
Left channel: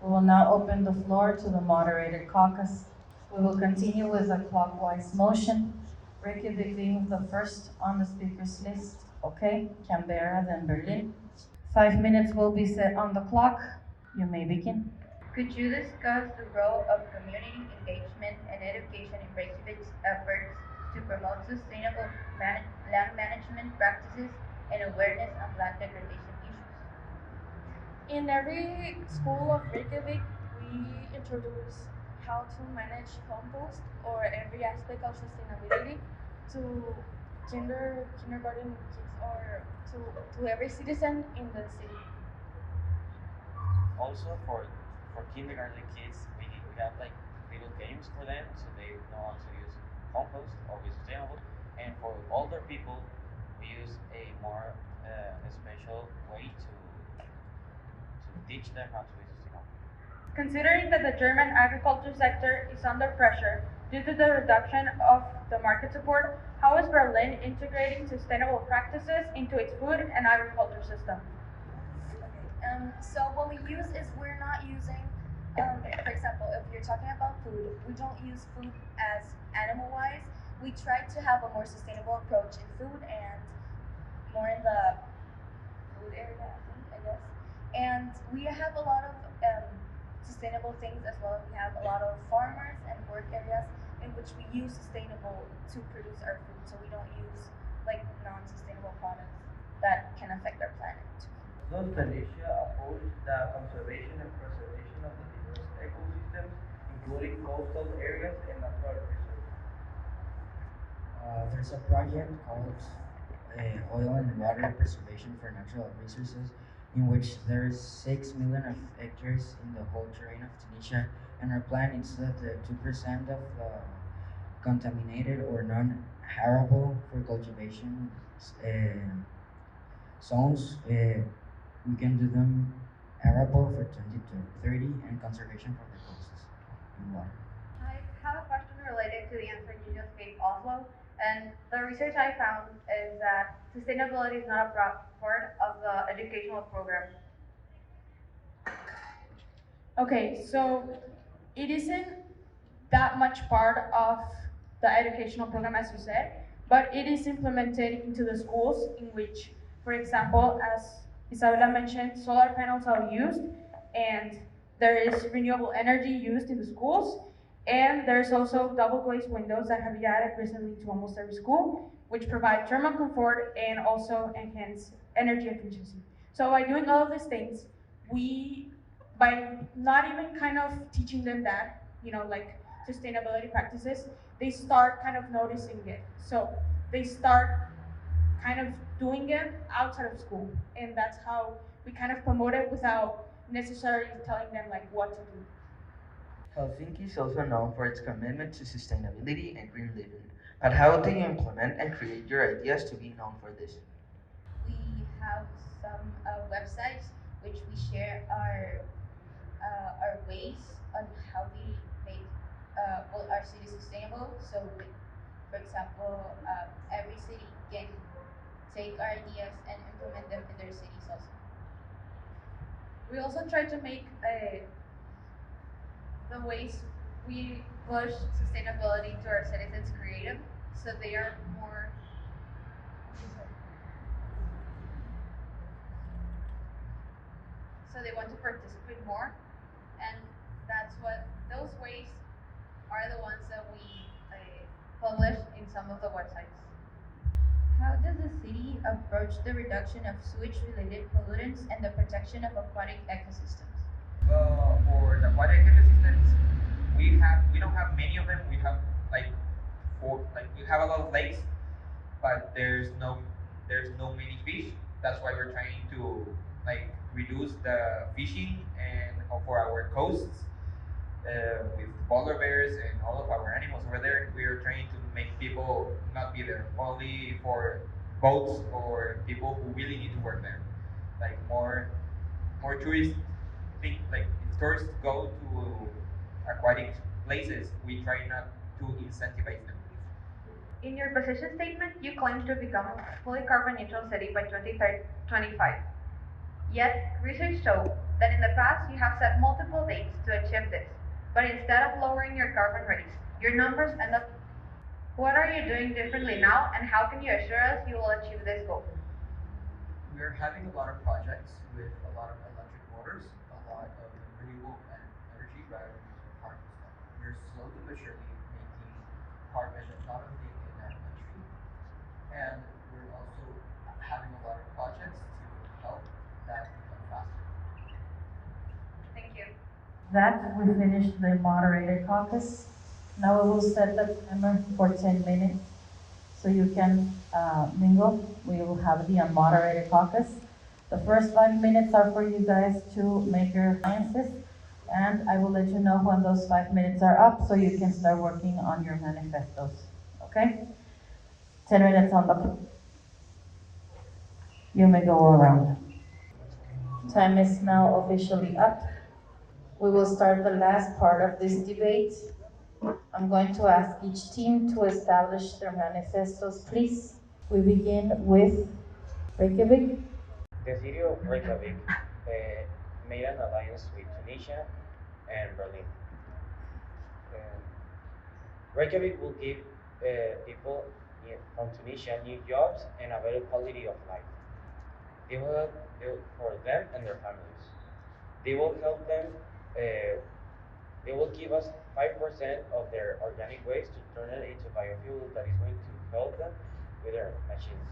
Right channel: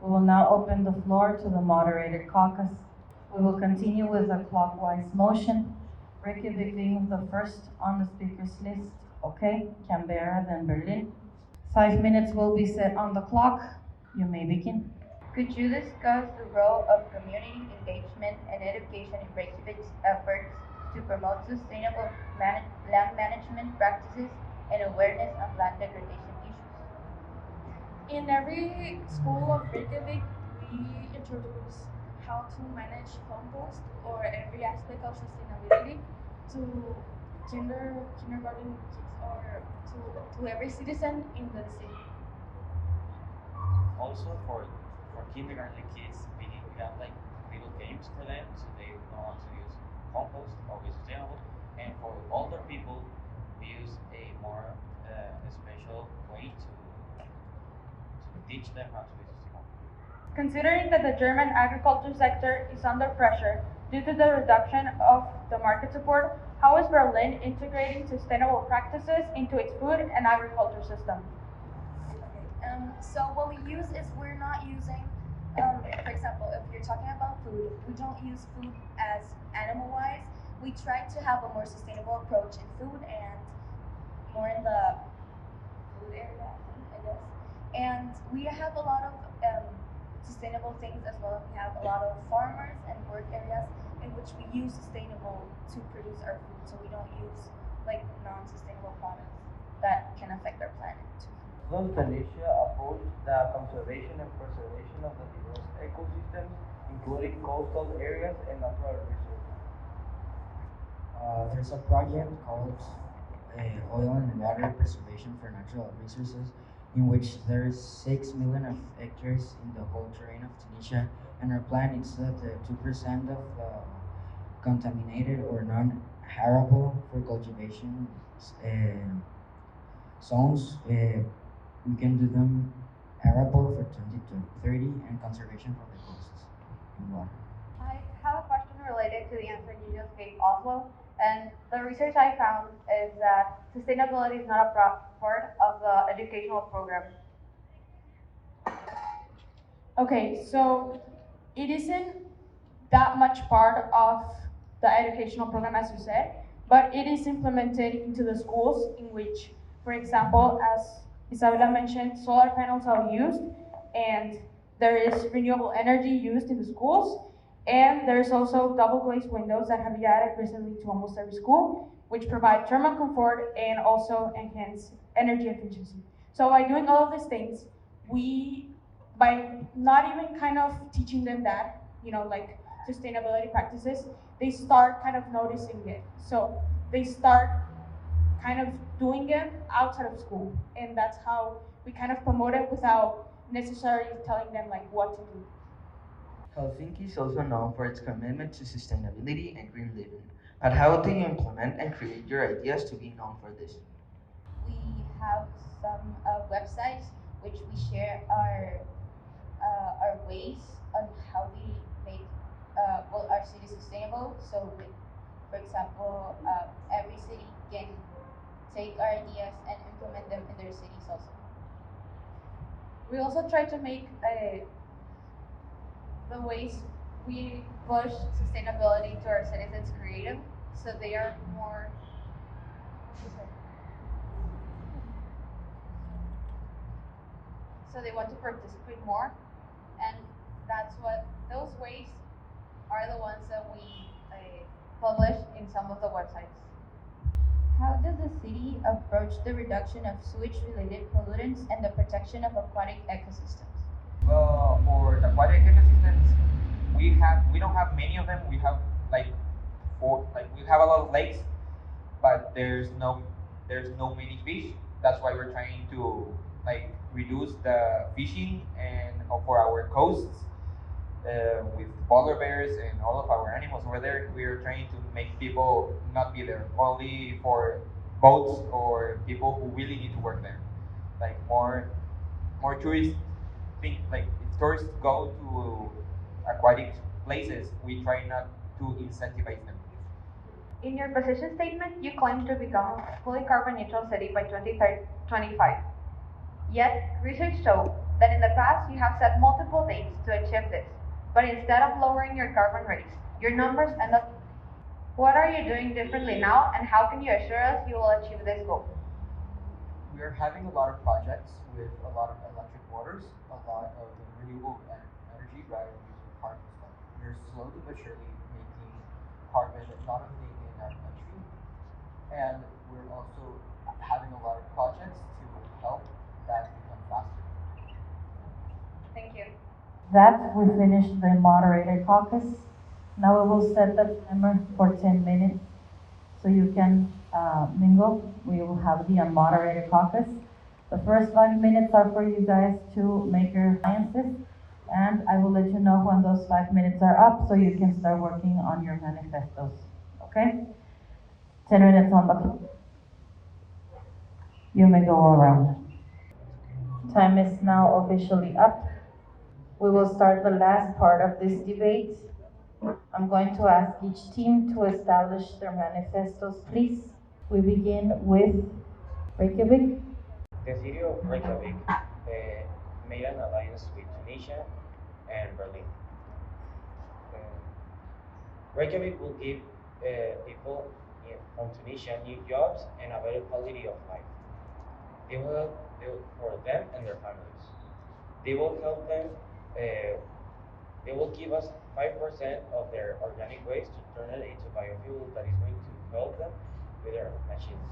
we will now open the floor to the moderated caucus. We will continue with a clockwise motion. Reykjavik being the first on the speakers list. Okay, Canberra, then Berlin. 5 minutes will be set on the clock. You may begin. Could you discuss the role of community engagement and education in Reykjavik's efforts to promote sustainable land management practices and awareness of land degradation issues? In every school of Reykjavik, we introduce how to manage compost or every aspect of sustainability to kindergarten kids or to every citizen in the city. Also for kindergarten kids, we have like little games for them so they know how to use compost, always sustainable. And for older people, we use a more special way to teach them how to be sustainable. Considering that the German agriculture sector is under pressure due to the reduction of the market support, how is Berlin integrating sustainable practices into its food and agriculture system? So what we use is we're not using, for example, if you're talking about food, we don't use food as animal-wise. We try to have a more sustainable approach in food and more in the food area, I guess. And we have a lot of sustainable things as well. We have a lot of farmers and work areas in which we use sustainable to produce our food. So we don't use like non-sustainable products that can affect our planet too. Thus, Malaysia opposed the conservation and preservation of the diverse ecosystems, including coastal areas and natural reserves. There's a project called Oil and Water Preservation for Natural Resources, in which there is 6 million of hectares in the whole terrain of Tunisia, and our plan is that 2% of contaminated or non-arable for cultivation zones, we can do them arable for 20 to 30 and conservation for recursos in water. I have a question related to the answer you just gave also. And the research I found is that sustainability is not a part of the educational program. Okay, so it isn't that much part of the educational program, as you said, but it is implemented into the schools in which, for example, as Isabella mentioned, solar panels are used and there is renewable energy used in the schools, and there's also double glazed windows that have been added recently to almost every school, which provide thermal comfort and also enhance energy efficiency. So by doing all of these things, by not even kind of teaching them that, like sustainability practices, they start kind of noticing it. So they start kind of doing it outside of school, and that's how we kind of promote it without necessarily telling them like what to do. Helsinki is also known for its commitment to sustainability and green living. But how do you implement and create your ideas to be known for this? We have some websites which we share our ways on how we make our city sustainable. So, for example, every city can take our ideas and implement them in their cities also. We also try to make the ways we push sustainability to our citizens creative, so they are more. So they want to participate more, and that's what those ways are the ones that we publish in some of the websites. How does the city approach the reduction of sewage-related pollutants and the protection of aquatic ecosystems? For the aquatic ecosystems, we don't have many of them. We have like we have a lot of lakes, but there's no many fish. That's why we're trying to like reduce the fishing and for our coasts with polar bears and all of our animals over there. We are trying to make people not be there only for boats or people who really need to work there. Like more tourists think like if tourists go to aquatic places, we try not to incentivize them. In your position statement, you claim to become a fully carbon neutral city by 2025. Yet, research shows that in the past you have set multiple dates to achieve this, but instead of lowering your carbon rates, your numbers end up. What are you doing differently now, and how can you assure us you will achieve this goal? We're having a lot of projects with a lot of electric motors, a lot of renewable energy rather than using carbon stuff. We're slowly but surely making carbon not only in our country, and we're also having a lot of projects to help that become faster. Thank you. That we finished the moderator caucus. Now we will set the timer for 10 minutes so you can mingle. We will have the unmoderated caucus. The first 5 minutes are for you guys to make your alliances, and I will let you know when those 5 minutes are up so you can start working on your manifestos. Okay? 10 minutes on the clock. You may go around. Time is now officially up. We will start the last part of this debate. I'm going to ask each team to establish their manifestos, please. We begin with Reykjavik. The city of Reykjavik made an alliance with Tunisia and Berlin. Reykjavik will give people from Tunisia new jobs and a better quality of life. They will help for them and their families. They will help them. They will give us 5% of their organic waste to turn it into biofuel that is going to help them with their machines.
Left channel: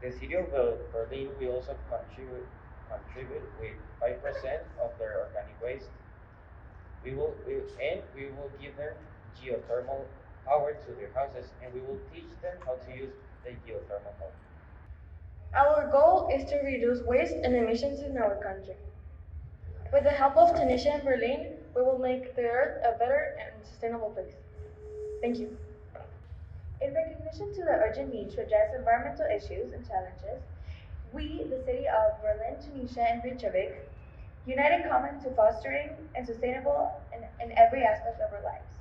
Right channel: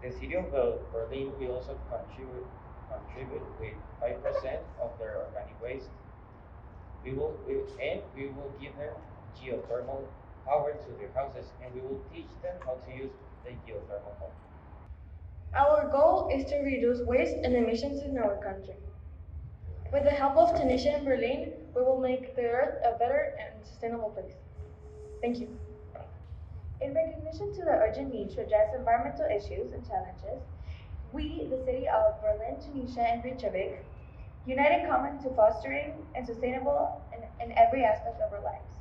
The city of Berlin will also contribute with 5% of their organic waste. We will give them geothermal power to their houses, and we will teach them how to use the geothermal power. Our goal is to reduce waste and emissions in our country. With the help of Tunisia and Berlin, we will make the earth a better and sustainable place. Thank you. In recognition to the urgent need to address environmental issues and challenges, we, the city of Berlin, Tunisia, and Reykjavik, unite in common to fostering and sustainable in every aspect of our lives.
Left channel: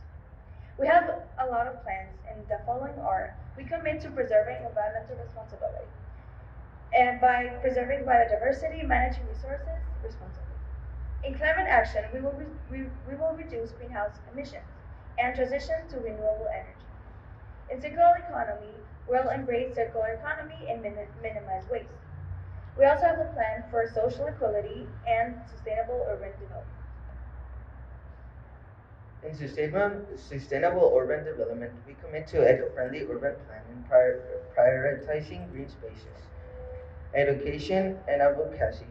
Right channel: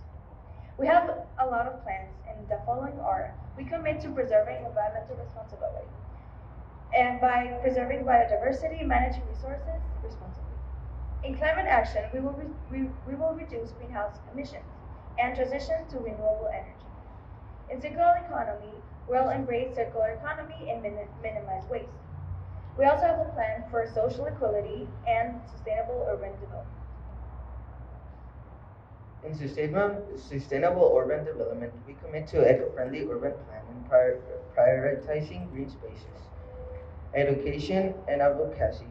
We have a lot of plans, and the following are: we commit to preserving environmental responsibility, and by preserving biodiversity, managing resources responsibly. In climate action, we will reduce greenhouse emissions and transition to renewable energy. In circular economy, we'll embrace circular economy and minimize waste. We also have a plan for social equality and sustainable urban development. In sustainable urban development, we commit to eco-friendly urban planning, prioritizing green spaces, education, and advocacy.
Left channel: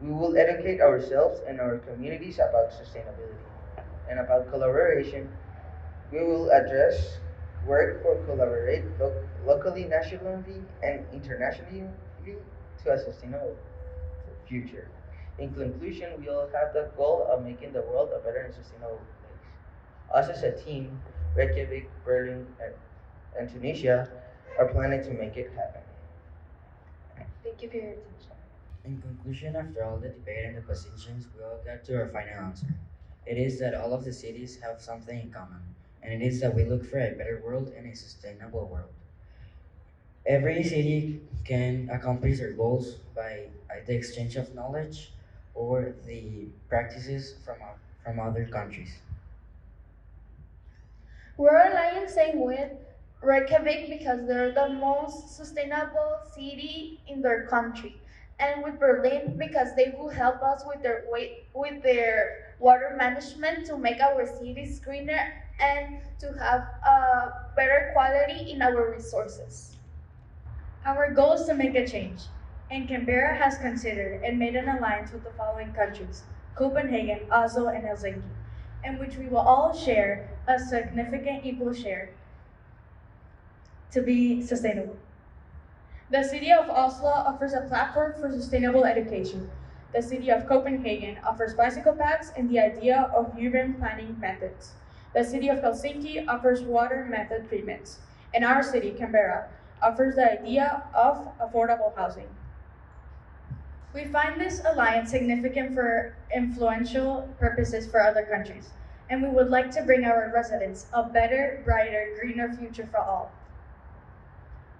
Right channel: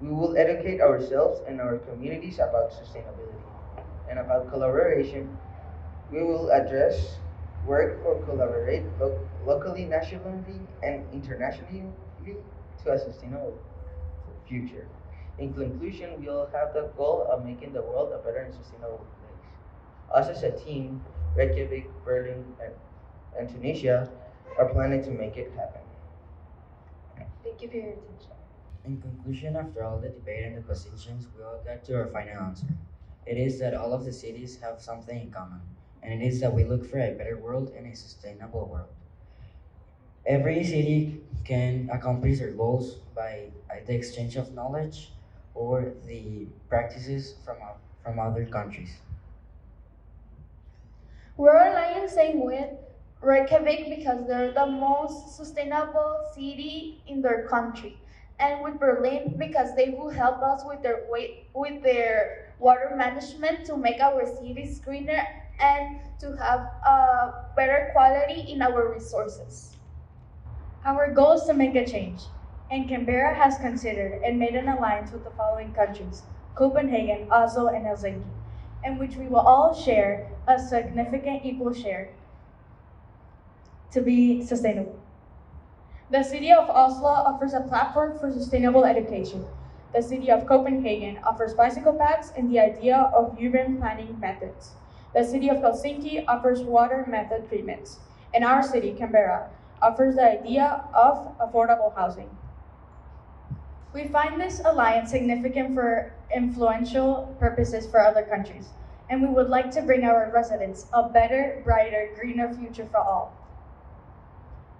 We will educate ourselves and our communities about sustainability and about collaboration. We will address work for collaborate locally, nationally, and internationally to a sustainable future. In conclusion, we all have the goal of making the world a better and sustainable place. Us as a team, Reykjavik, Berlin, and Tunisia are planning to make it happen. Thank you for your attention. In conclusion, after all the debate and the positions, we all got to our final answer. It is that all of the cities have something in common, and it is that we look for a better world and a sustainable world. Every city can accomplish their goals by the exchange of knowledge or the practices from other countries. We're aligning same with Reykjavik because they're the most sustainable city in their country, and with Berlin because they will help us with with their water management to make our cities greener and to have a better quality in our resources. Our goal is to make a change, and Canberra has considered and made an alliance with the following countries: Copenhagen, Oslo, and Helsinki, in which we will all share a significant equal share to be sustainable. The city of Oslo offers a platform for sustainable education. The city of Copenhagen offers bicycle paths and the idea of urban planning methods. The city of Helsinki offers water method treatments. And our city, Canberra, offers the idea of affordable housing. We find this alliance significant for influential purposes for other countries, and we would like to bring our residents a better, brighter, greener future for all.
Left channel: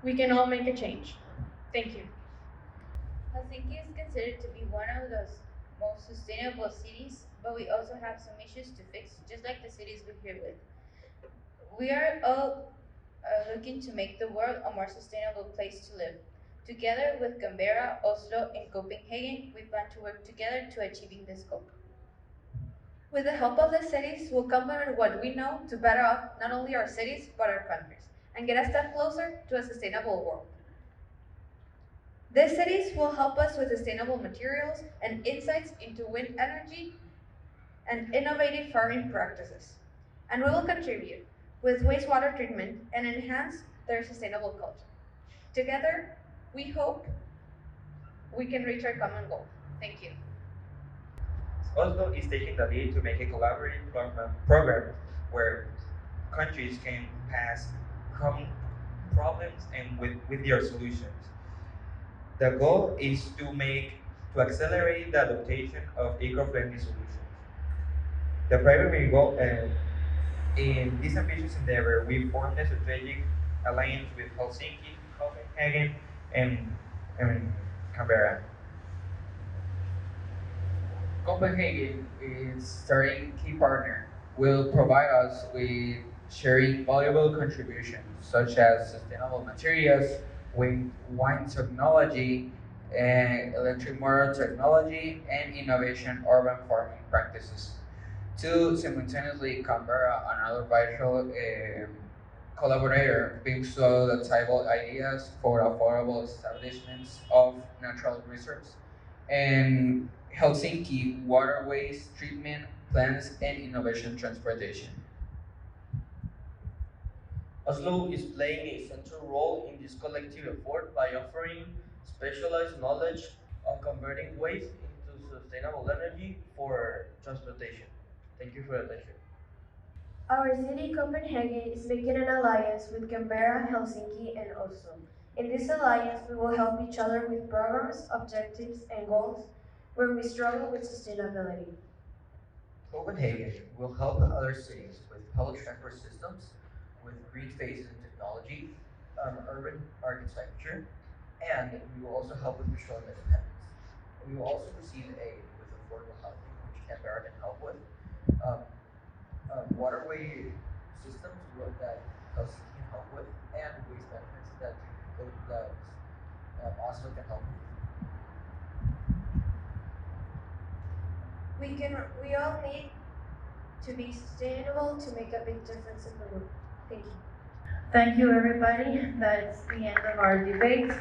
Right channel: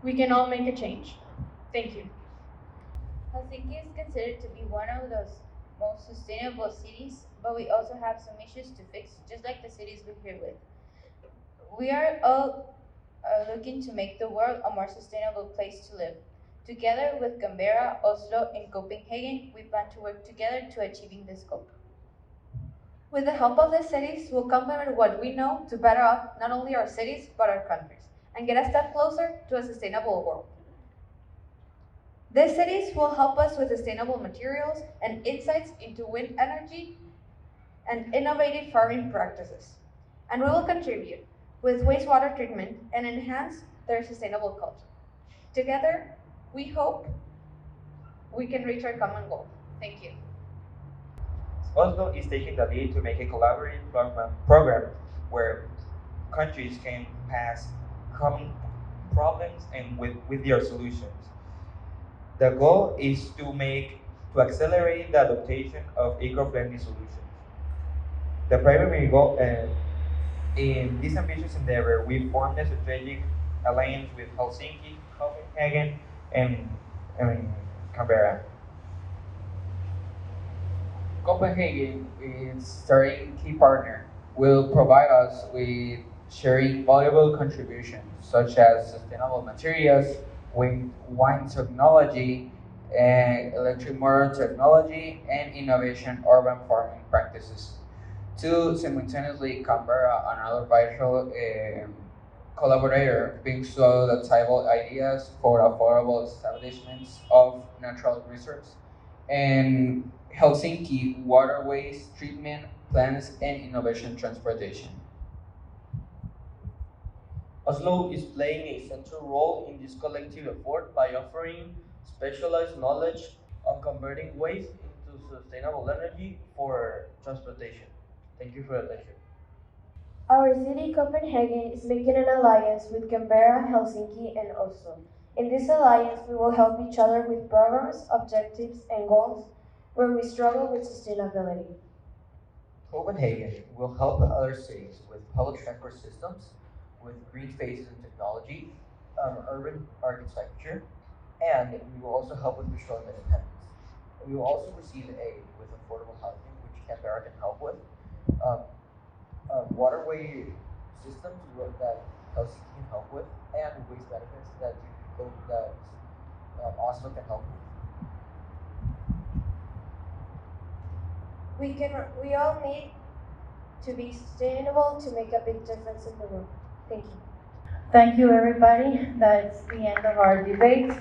We can all make a change. Thank you. Helsinki is considered to be one of the most sustainable cities, but we also have some issues to fix, just like the cities we're here with. We are all looking to make the world a more sustainable place to live. Together with Canberra, Oslo, and Copenhagen, we plan to work together to achieving this goal. With the help of the cities, we'll complement what we know to better off not only our cities, but our countries, and get a step closer to a sustainable world. These cities will help us with sustainable materials and insights into wind energy and innovative farming practices. And we will contribute with wastewater treatment and enhance their sustainable culture. Together, we hope we can reach our common goal. Thank you. Oslo is taking the lead to make a collaborative program where countries can pass common problems and with their solutions. The goal is to accelerate the adoption of eco-friendly solutions. The primary goal in this ambitious endeavor, we formed a strategic alliance with Helsinki, Copenhagen, and Canberra. Copenhagen is starting key partner, will provide us with sharing valuable contributions such as sustainable materials, wine technology, and electric motor technology, and innovation urban farming practices. To simultaneously, Canberra, another vital collaborator, brings to the table ideas for affordable establishments of natural reserves, and Helsinki waterways treatment plants and innovation transportation. Oslo is playing a central role in this collective effort by offering specialized knowledge on converting waste into sustainable energy for transportation. Thank you for your attention. Our city, Copenhagen, is making an alliance with Canberra, Helsinki, and Oslo. In this alliance, we will help each other with programs, objectives, and goals where we struggle with sustainability. Copenhagen will help other cities with public transport systems, with green spaces and technology, urban architecture, and we will also help with petroleum independence. We will also receive aid with affordable housing, which Canberra can help with. Um, Waterway systems that Helsinki can help with, and waste benefits that Oslo can help with. We all need to be sustainable to make a big difference in the world. Thank you. Thank you, everybody. That's the end of our debate.